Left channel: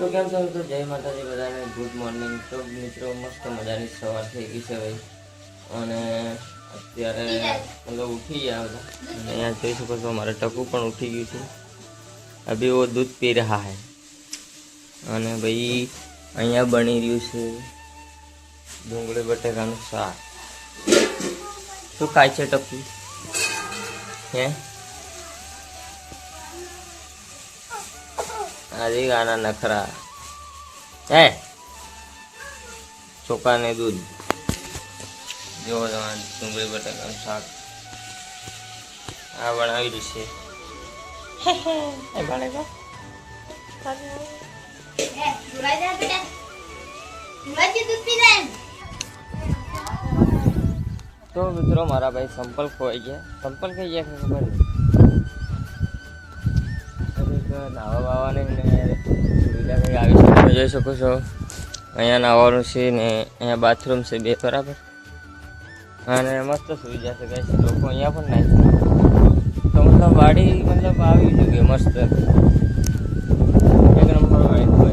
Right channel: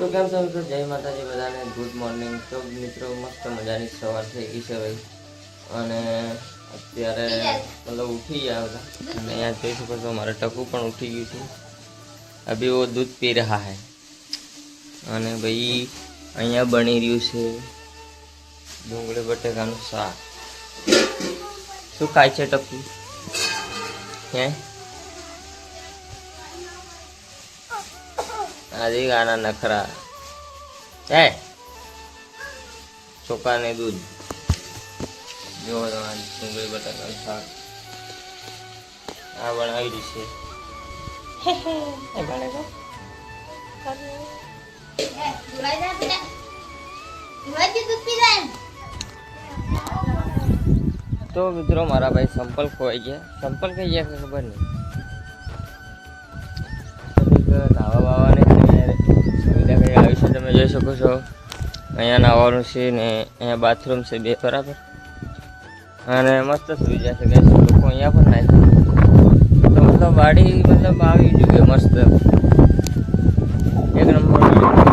તો કેમ છો મિત્રો, જય માતાજી બધાને, ગુડ મોર્નિંગ। તો મિત્રો મસ્ત મજાની સવાર થઈ ગઈ છે ભાઈ, અને અત્યારે મતલબ ઉઠી ગયા બધા। અને અહીંયા જોઈ શકો છો મારે ટકુ પણ ઉઠી ગયું છે, અભી वो दूध पी रहा है। અને ભાઈ અહીંયા બની રહ્યું છે ડુંગળી બટેકાનું શાક। શું ખાય છે ટકુ? હે આજે ગાના નખરા હે ચોખા ને દૂધ જો તમારે ડુંગળી બટાકાનું શાક આ બનાવી દીશે। તો મિત્રો મારા ભાઈ સંપલ ખોવાઈ ગયા, સંપલ કઈ ગયા ખબર નહીં। નાવા બાવાની સુવિધા કઈ આવી છે, તમે જોઈ શકો છો। અહીંયા નાવાનું છે ને અહીંયા બાથરૂમ છે બે બરાબર, અને મસ્ત સુવિધા છે કઈ લોકો અહીંયા પણ નાય તો મતલબ વાડી મતલબ આવી જગ્યા મસ્ત એક નંબર।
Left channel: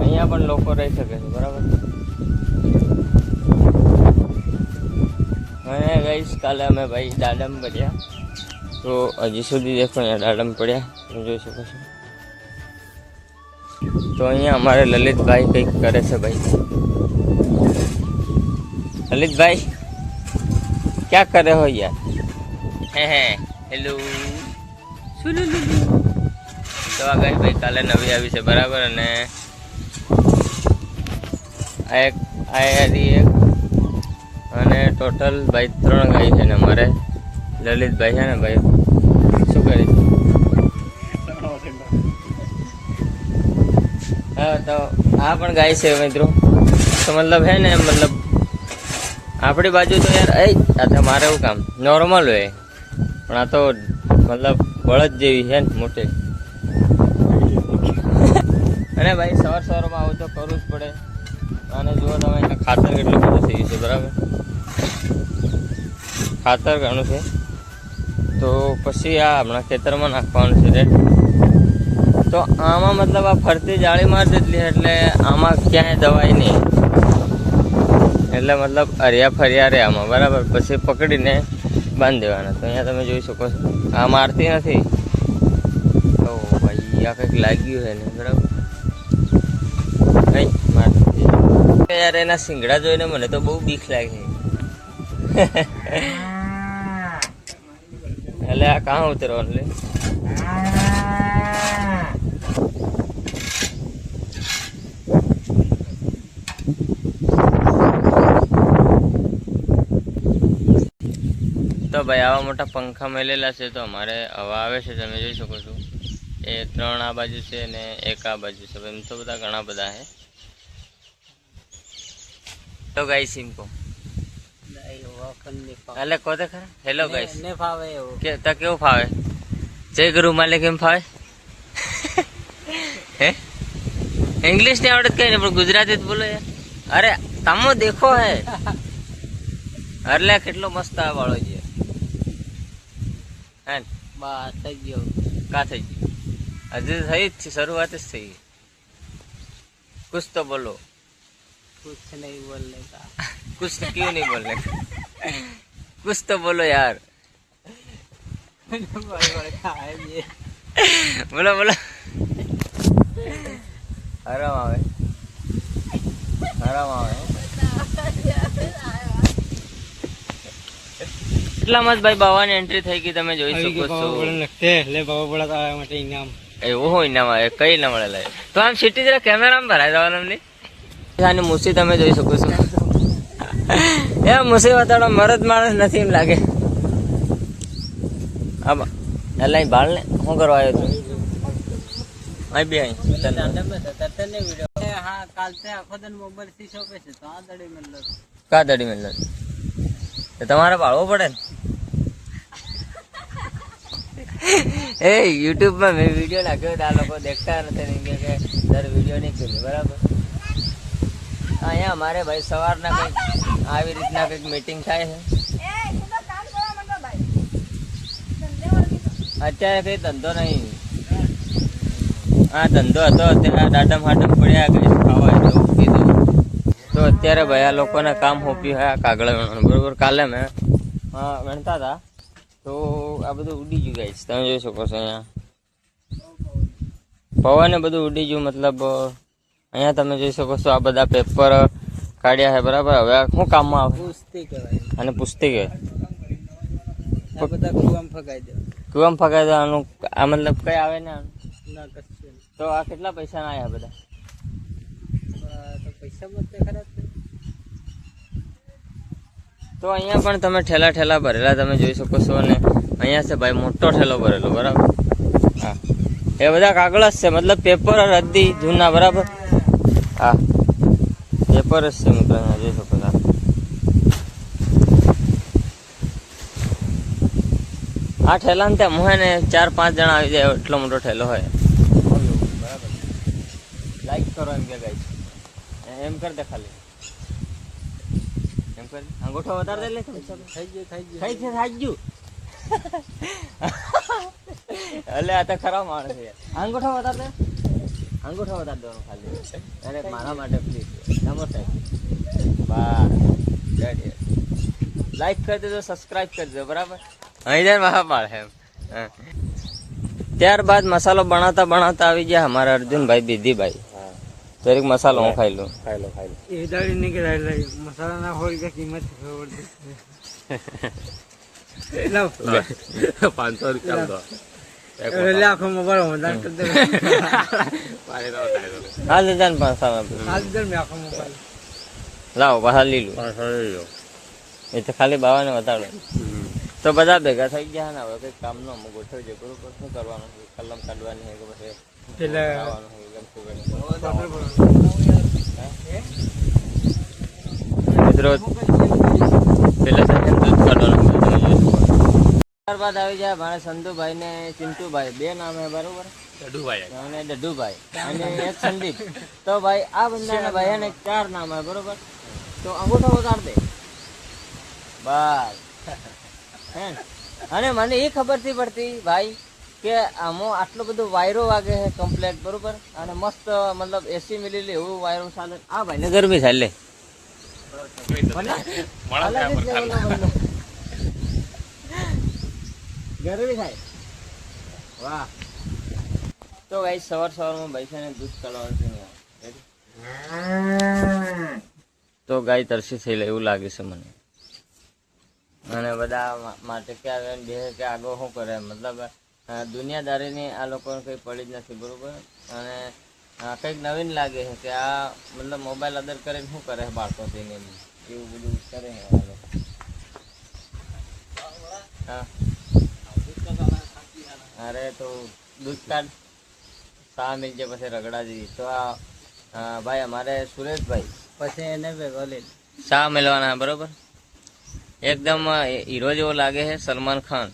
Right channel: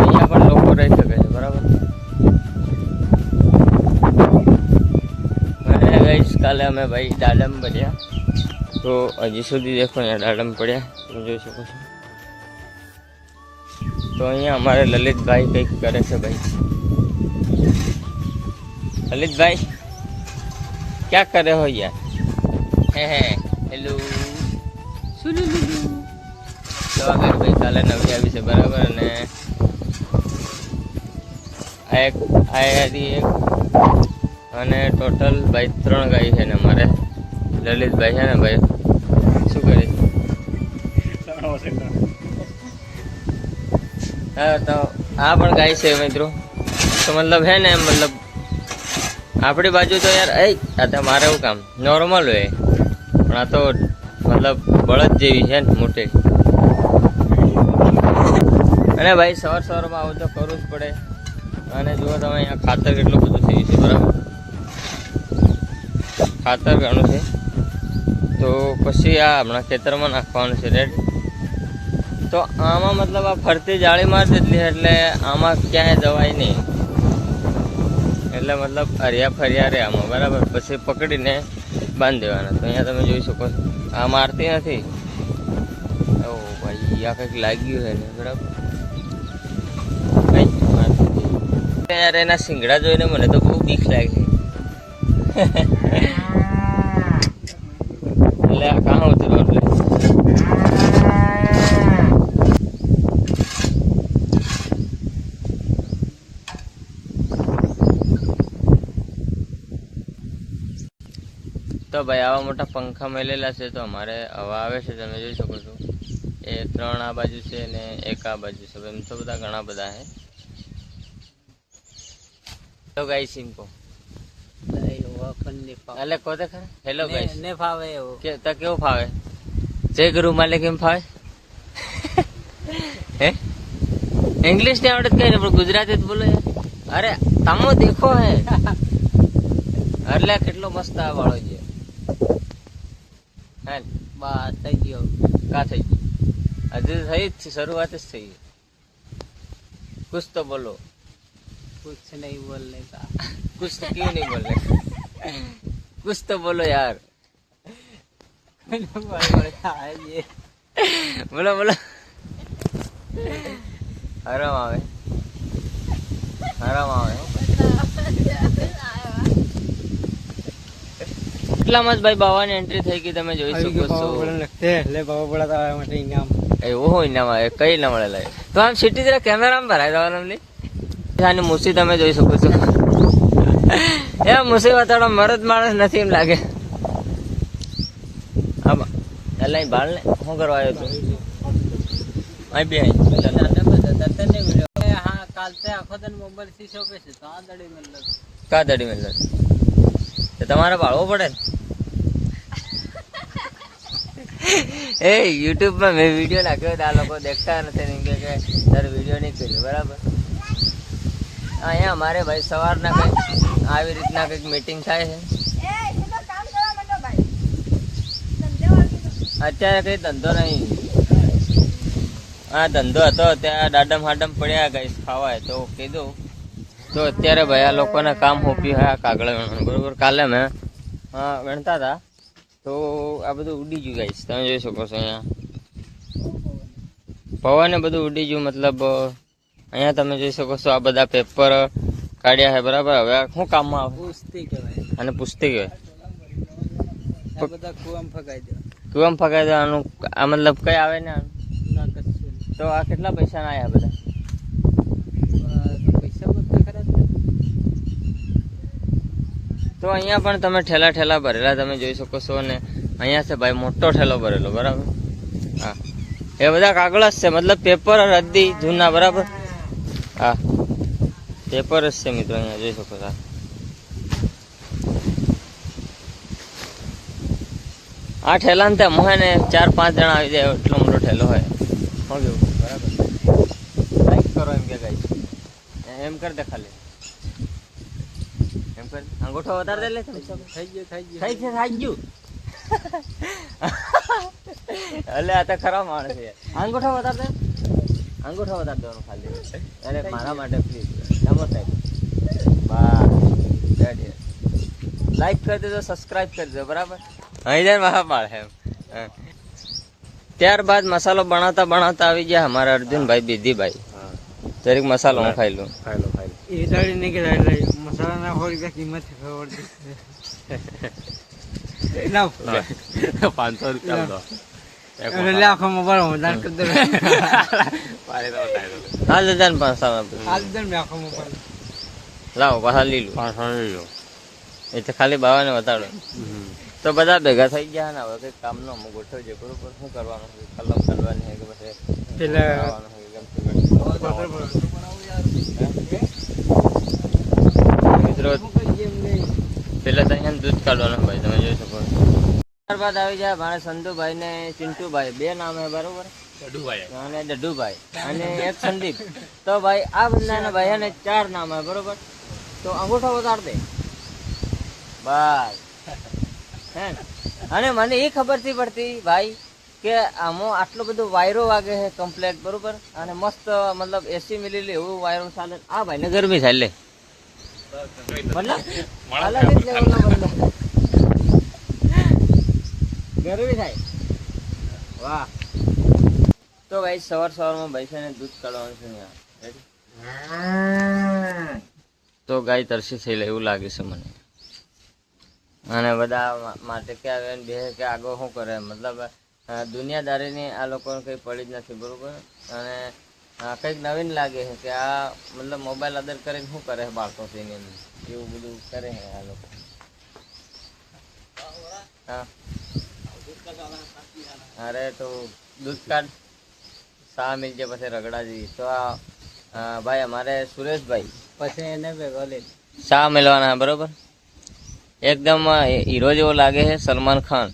અહીંયા પણ લોકો રહી શકે છે બરાબર। અને ગઈશ કાલે અમે ભાઈ દાડમ પડ્યા, તો હજી સુધી દેખો અહીંયા દાડમ પડ્યા તમે જોઈ શકો છો। તો અહીંયા અમારે લલિતભાઈ કંઈક કરે છે ભાઈ। લલિતભાઈ ક્યાં કરે હો યાર? હે હેલો સુલુલુલુ। તો આ ગાય ભાઈ કાલે નવી આવી છે બરાબર, અને એક અને ટોટલ ભાઈ 3 ગાય છે ને અમારે લલિતભાઈ છે ને ભાઈ શું કરે છે? હા તો આ પણ ગાય છે મિત્રો। તો મતલબ હે ને મતલબ આપણી બાજુ તો યાર આ તમારે એવું કામ નોર્મલ હોય, પણ આ તો મતલબ બળદ જેવી છે ને મોટી। અને ભાઈ સવારમાં આવું તો કરવું જ પડે। અને જુઓ તમે અહીંયા ખાતર કેટલું બધું થયું છે બરાબર, ખાતર ઘણું છે। તો પછી આ હમણાં ખેતરમાં નાખવાનું છે રેડ। તો આમાં મતલબ આ ફરતી જાળી મારી દેટલી એટલે આમાં ક્યાંય દવાઈ નહીં, એટલે મતલબ હરિયા ફરિયા રે આમાં બરાબર। પછી પકડીને બાંધી દેવાના। તો અહીંયા તમે જોઈ શકો છો આ મારતી નથી। તો ભાઈ આ કંઈક લાગ્યું છે ને બરાબર, કંઈ મારતી યાર। એના શિંગડા જોઈને મને તો બહુ બીક લાગી। એટલે આ કાં ઉતરવાનું લે? તો ભાઈ આવા મોટા પંખા મેલેલા છે, તો અમારે હવા આવે છે તમે જોઈ શકો છો। એ 3 આ બાજુ છે ને 1 આ બાજુ છે, એમ તો બધા ઘણા બધા છે। તો ગાઈસ ઇनको એટલે કોતે ખરા હેલો ગાઈસ ને ફાવે એવું કે તા કેવું ફાવે? જય ગુરુ માલિક એમ ફાવે? હે इंग्लिश नहीं आवड़त कहीं पर गुजराती बोलो यार। अरे तमो देखो है अरे કેટલો મસ્ત આ વાળો છે હે બસ થઈ ગયો। કા થઈ ગયો? હજી થઈ જ શરૂઆત જ થઈ। कुछ तो बोलो। कुछ नहीं बोलने का। कुछ क्यों नहीं बोलने का? कुछ तो बोलो यार। बोलो बोलो। आराम आवे आराम आवे। એટલામાં જ ભાઈ બાવાની એન્ટ્રી થઈ ગઈ, તમે જોઈ શકો છો। લે બાવા બોલા તો આ માટે ઇનામ એવો હોય ઇનામ આવે કઈ ના મળે લે। તો આમ સિટી જરા કેમેરામાં ભરાઈ દેવાનું ને આની મુસી તમે જોઈ શકો છો। એ મુસી વાતાડો મરદ માણસ નથી એમ લાગે। આમાં એલાઈ બાળ ને શું કરવા આવ્યો તું? આઈ બે આઈ તને વિડિયો હા કાલ તે આખો દિન મોબાઈલ શીશો पे છે તો આ દડી મેલ્લો કા દડી મેલ્લો તો તમારે બાળવો પડે ને। એ યુટ્યુબ માં મેં વિડીયો નાખ્યો આ લોકો દેખતા નથી ને કે સર વિડીયો નહીં કર્યો બરાબર। અહીંયા અમારે ભાઈ સવારના કંઈક આવી રીતના કંઈક મીટિંગ થાય છે। અત્યારે કંઈ ધંધો નહીં, આ ધંધો હતો ત્યાં દાડમ હાડમ પડ્યા ગઈ ખાવાય તો કીધું. તો અત્યારે ભાઈ આ લોકોને કામ સોંપ્યું હોય કાગળ વેણવાનું બરોબર. કાલે મેં વેણતા હતા તો આ બધું ઉડી ગયું ગાઈસ, તમે જોઈ શકો છો. અહીંયા પવને બધું ઉડી ગયું, મતલબ અહીંયા તમે જોઈ શકો છો આ બધા પેપર કાઢ્યા છે બરાબર. હવે શું કામમાં આવે? પુસ્તી કહેવાય અને પુસ્તી કહેવાય. કુવામાં ફગાઈ દેવાનું. આ મતલબ કઈ આવે ને તો આ કેટલા પૈસા ના આવ્યા બધા? તો અહીંયા પણ તમે ઠેલા ભરેલા તમે જોઈ શકો છો. અને અહીંયા છે ભાઈ મોટો ઠેલો ભરેલો બરાબર. હા એ બધા કાગળ જ છે, મતલબ પેપર રદ્દી જૂના બરાબર. હા પેપર જ છે મિત્રો, અહીંયા જોઈ શકો છો. આ ઠેલા ને ત્યાં મોહે ને 4-5 જણા આવી જાય એટલો મોટો ઠેલો હોય બરાબર. લાઈક કરો એમ કે ગાઈસ, એમ કર દે ખાલી એમ કર. અંગૂઠો વધારે દે લે. થઈ ગયું એટલે આ તો ખરા માણસ છે. અંગૂઠો વધારે દે, અંગૂઠો વધારે દેવાનો ખાલી. અરે મારા માટે પ્લીઝ નમો સાહેબ. બસ લાઈક કરી દેજો, સબસ્ક્રાઇબ કરી દેજો બરાબર. અહીં જાય મહા પાડે એમ. ત્યારબાદ મસાલો બનાવતા આવી ગયા અમારા અર્જુનભાઈ બીધીભાઈ. દરેક મસાલો હું ખાઈ લઉં. મસાલા ના હોય કિંમત 500 રૂપિયા લાવો પાછા લીલું એ તો ખાલી બાવાને બતાડો. તો બધા ભેગા થઈ ગયા ને હવે કઈ કામ નો ગોઠવજે બરોબર. શું કરવાનું હોય? કલમ કાઢવાની હોય કે પછી ખાવાનું હોય? મિત્રો પેલા સાહેબ દૂધ કાઢવાનું ભાઈ તમે જોઈ શકો. ત્યારબાદ આવી જાય મારા સંધુભાઈ ને ચિંટુભાઈ, 2 નામ હે બરોબર. અને ડઢુભાઈ અને એક સંદીપ. તો ભાઈ આ બંને ભાઈ ને 4 નામ હે બરોબર. તો અંગૂઠો ઉતાર દે બસ. હે અને મને એ ખબર થી પડતી ભાઈ કે આમાં આટલો બધો વાયરો વાગે છે કમ્પ્લેટ બરોબર. અને મસ્ત મતલબ 80 મિલી એવું વાયરો ચાલે. આ ભાઈ ને ગરમી થાય લે ગરમી થાય. વાહ. તો ગાઈ સવારમાં ભાઈ દૂધ કાઢવાનું છે. તો ગાય તરસી થઈ લે એવું લાગે છે મને. અને બધા માટે કે આવે બે કે આગળ શું કરે, મતલબ દુનિયાદારીની આ લોકોને કંઈ પડી જ નથી બરોબર. અને કંઈક નવીન લાગે છે કે આ મતલબ મોબાઈલ અદર કરીને શું કરે બાળકો થઈને એવું બધું કરે છે આ લોકો. હા અરે તો દૂધ કાઢ શા મિલ જાય પછી રગડા જેવી. તો આ ભાઈ અમારે સુરેશભાઈ પછી એને ભેગો લે શા મળવાના બરોબર. એકદમ હીરો જેવો લાગે છે, સલમાન ખાન.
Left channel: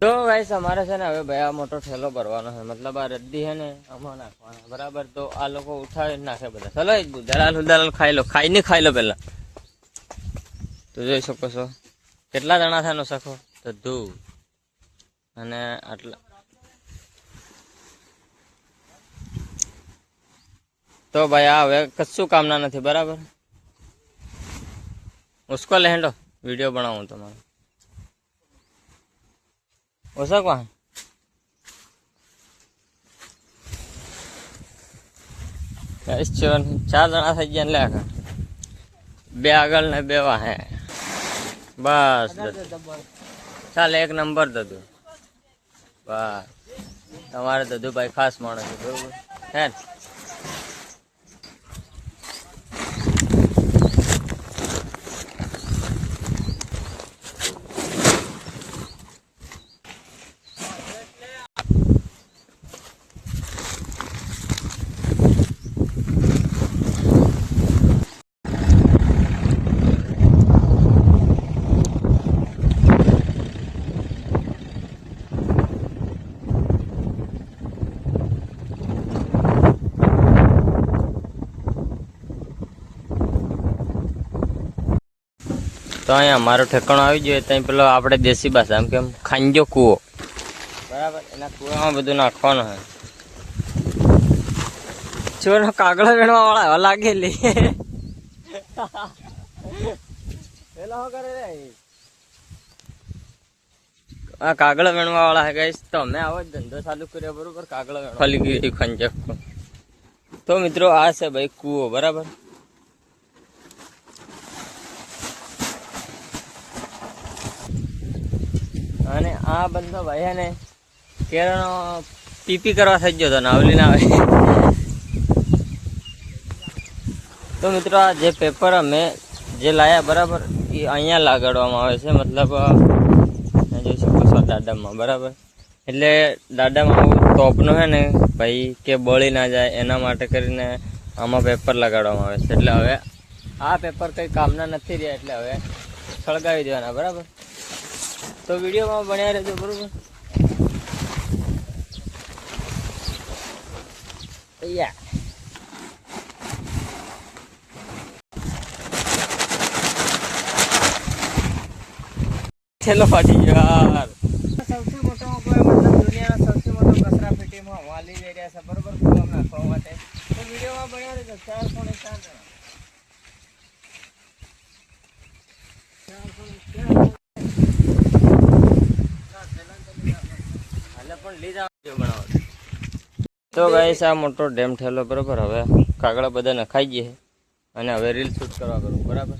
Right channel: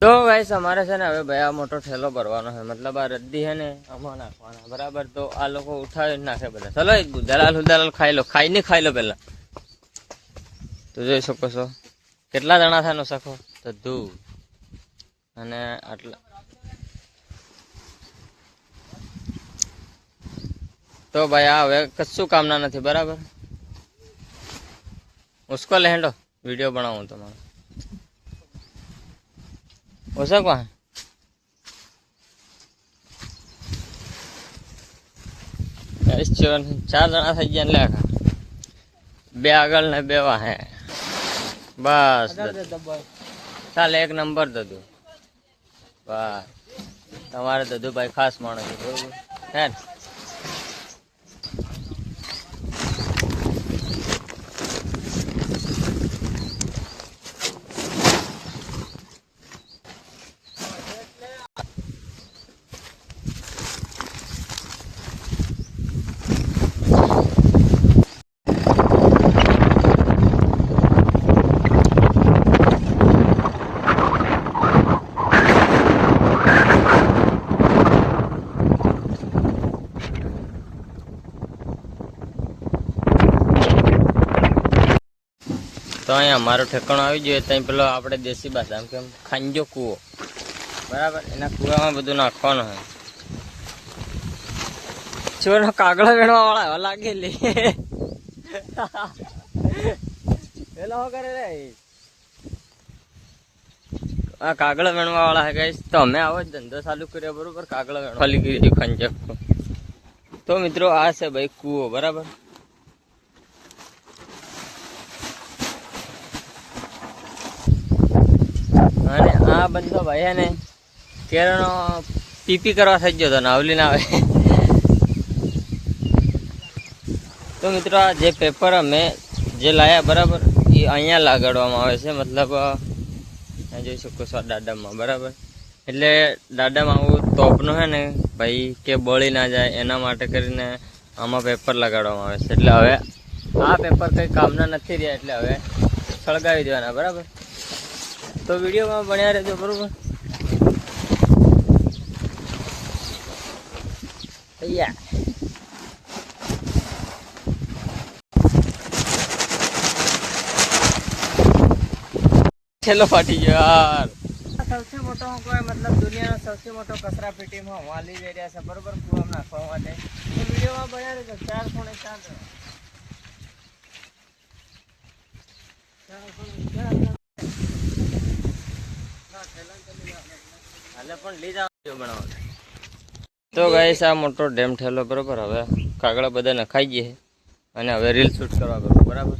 તો ગાઈસ અમારે છે ને હવે ભાઈ આ મોટો ઠેલો ભરવાનો છે, મતલબ આ રદ્દી છે ને આમાં નાખવાના બરાબર. તો આ લોકો ઉઠાવી નાખે બધા. ચલો એક દલાલ ખાઈ લો, ખાઈ લો પેલા. તો જોઈ શકો છો કેટલા જણા થાય નો સખો તો ધૂ અને આટલા. તો ભાઈ આ હવે કશું કામના નથી બરાબર. ઉસકો લેન્ડો વિડીયો બનાવું તમારો ઓછા કોણ 4 જણા થઈ ગયા લે. 2 આગળ ને 2 વાહે બસ. ચાલ 1 નંબર દદુ. બસ તમારે દદુભાઈ ખાસ માણસ છે બરોબર હે ને. તો અહીંયા અમારો ઠેકાણો આવી ગયો. ત્યાં પેલો આપણે દેશી ભાષા એમ કેમ ખાંજો કૂવો, બરાબર. એના કૂવામાં બધું નાખવાનું હોય. ચોરનો કાગળો વેણવા વાળા એવા લાગેલી પેલો શું કરે રે? આ કાગળો વેણવા વાળા હે ગાઈસ. તો અમે આવો જ ધંધો ચાલુ કર્યો, બરોબર. કાગળો વેણવા ખાલી ગઈ ખંજક. તો મિત્રો આ છે ભાઈ કૂવો, બરાબર. અને આ બંધો ભાઈ હે ને કેરળનો પીપી કરવા થઈ ગયો હતો ને આવલી ના આવે. તો મિત્રો આ જે પેપર અમે જે લાયા, બરાબર, એ અહીંયા લગાડવામાં આવે છે. મતલબ જોઈ શકો છો દાડામાં, બરાબર. એટલે દાડામાં આવું તોપનું છે ને ભાઈ કે બળી ના જાય એના માટે કરીને આમાં પેપર લગાડવામાં આવે છે. એટલે હવે આ પેપર કંઈ કામના નથી રહ્યા, એટલે હવે સળગાવી દેવાના, બરાબર. તો વિડીયોમાં બન્યા રહેજો, બરાબર. તૈયાર. છેલ્લો ફાટી ગયો યાર. સૌથી મોટો કોઈ મતલબ દુનિયાનો સૌથી મોટો કચરા પેટીમાં વાલી જઈ રહ્યા છે, બરોબર, કુવામાં નાખવા માટે. તો વિડીયોમાં બન્યા રહેજો. 4 ખૂણે 4 પણ લઈ જાવ બનાવો. તો ગાઈસ આ મોટો ડેમ થયેલો, બરોબર. હવે કાગળા બધા નખાઈ ગયા અને હવે રીલ શૂટ કરવા કરું, બરાબર.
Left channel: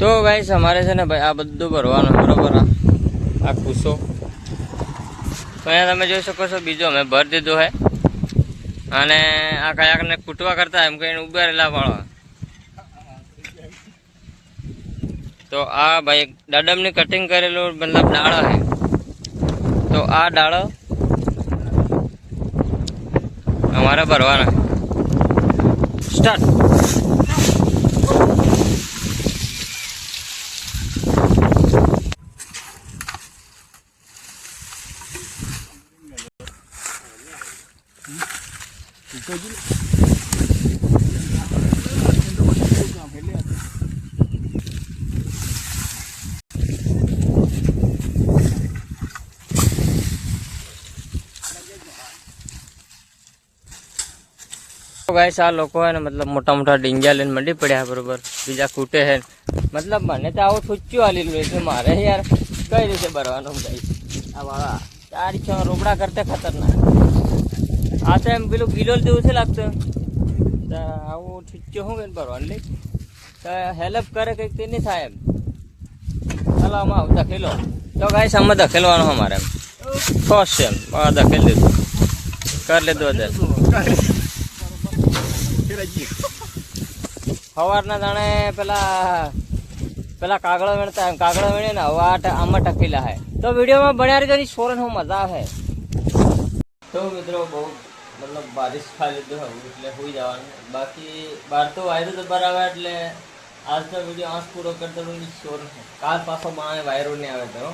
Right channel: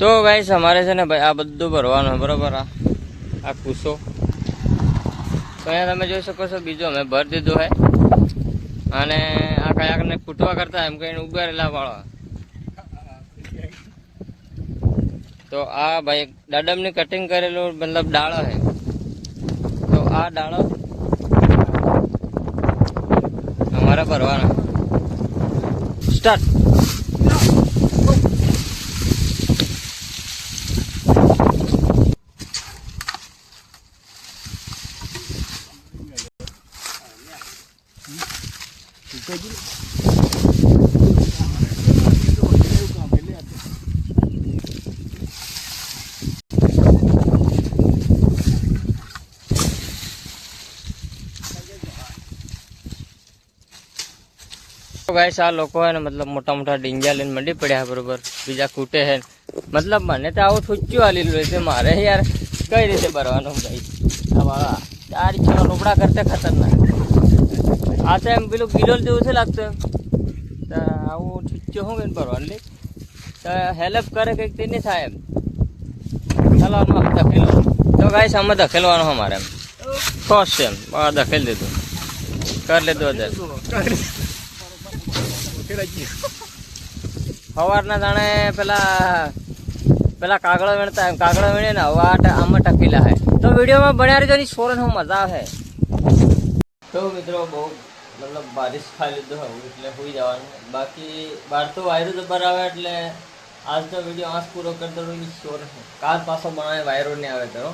તો ગાઈસ અમારે છે ને ભાઈ આ બધું ભરવાનું, બરોબર. આ કુસો તો અહીંયા તમે જોઈ શકો છો. બીજો અમે ભરી દીધો હે. અને આ કયાકને કૂટવા કરતા એમ કહીને ઉગારેલા વાળો. તો આ ભાઈ દાડમની કટિંગ કરેલું મતલબ ડાળો હે. તો આ ડાળો અમારે ભરવાના. સ્ટાર્ટ. ગાઈસ આ લોકો હે ને મતલબ મોટા મોટા ડીંજા લઈને મંડી પડ્યા, બરોબર. બીજા કૂટે હે. મતલબ મને તો આવું ઠુચ્યું હાલી છે મારે યાર. કઈ રીતે ભરવાનું ભાઈ? આ મારા 4 ઇંચના રોપડા કરતે ખતરનાક. આ તો એમ પેલું કિલોલ જેવું છે લાગતું. તો આવું ઠુચ્યું શું કઈ ભરવાનું લે? તો હેલ્પ કરે કંઈક તે નહીં થાય એમ. ચાલો આમાં ધકેલો. તો ગાઈસ આમાં ધકેલવાનું અમારે એમ ખોશ છે એમ. ધકેલ દીધું, કરી લીધું અત્યારે. સવારના જાણે પેલા કાગળો વીણતા એમ કાગળો વીણે ને હવે આમાં ટકેલા હે. તો વિડીયોમાં બન્યા રહેજો. સોરન હું મજા આવે. તો મિત્રો બહુ મતલબ બારિશ ખાઈ લીધું હવે એટલે હોઈ જવાનું. બાકી બહાર તો વાયરો જબર આવે એટલે આજનો વિડીયો આજ પૂરો કરતો. સોર કાલ પાછો બનાવે વાયરો નહીં આવે તો